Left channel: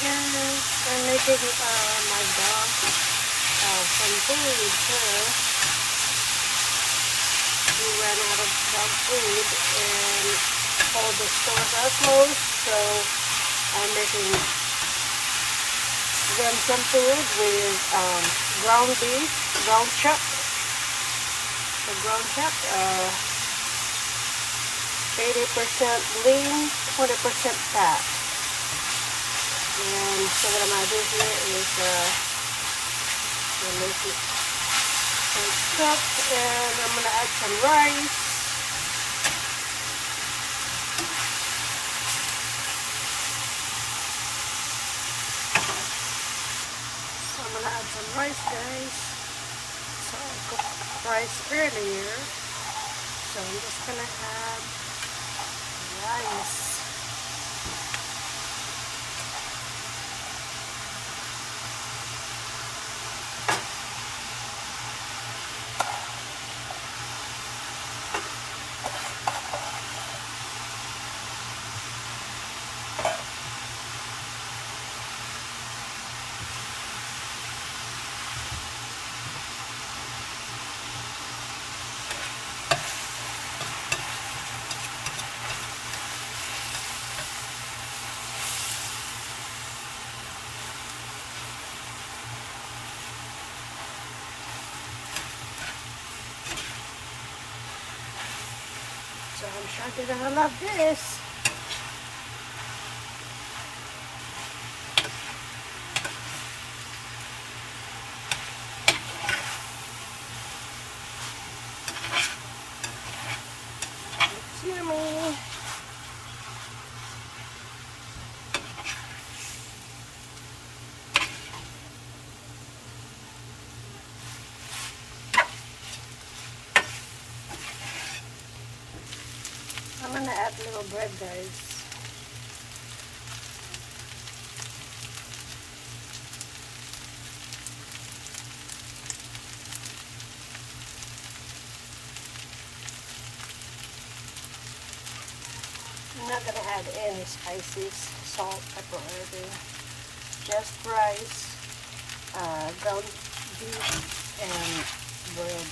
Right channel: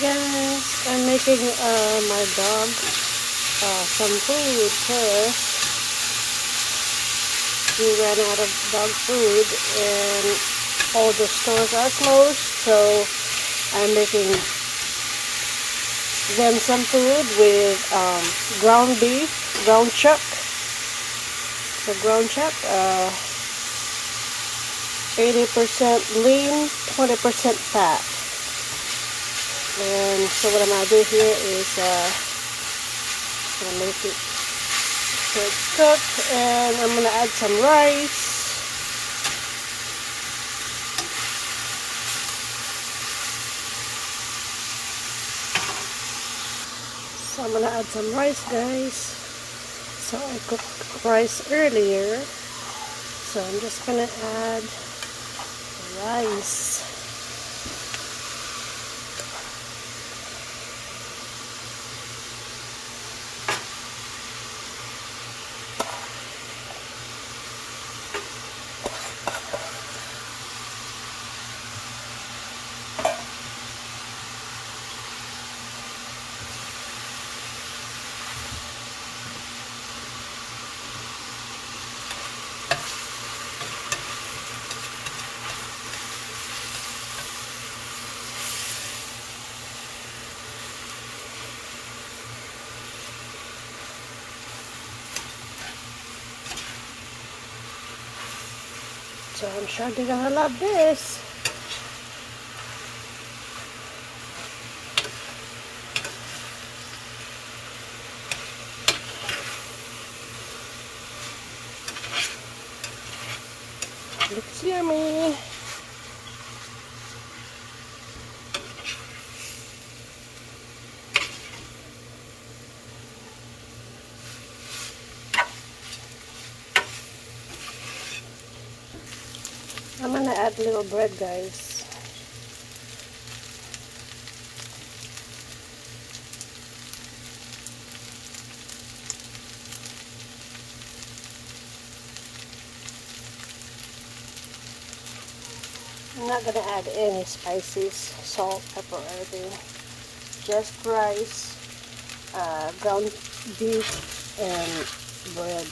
guys, I'm making my dog some food first. We ran out of dog food and all the stores are closed, so I'm making them some food with ground beef, ground chuck. The ground chuck, 80% lean, 20% fat. And so what I'm going to do here is make it cooked, and I'm going to add some rice. So I'm going to add some rice, guys. So I cooked rice earlier. So I'm just going to add rice. So I'm sure they're gonna love this. Looks yummy. I'm gonna add a little bread, guys. I'm not gonna add any spices, salt, pepper, or anything. Just rice, ground beef, and bread.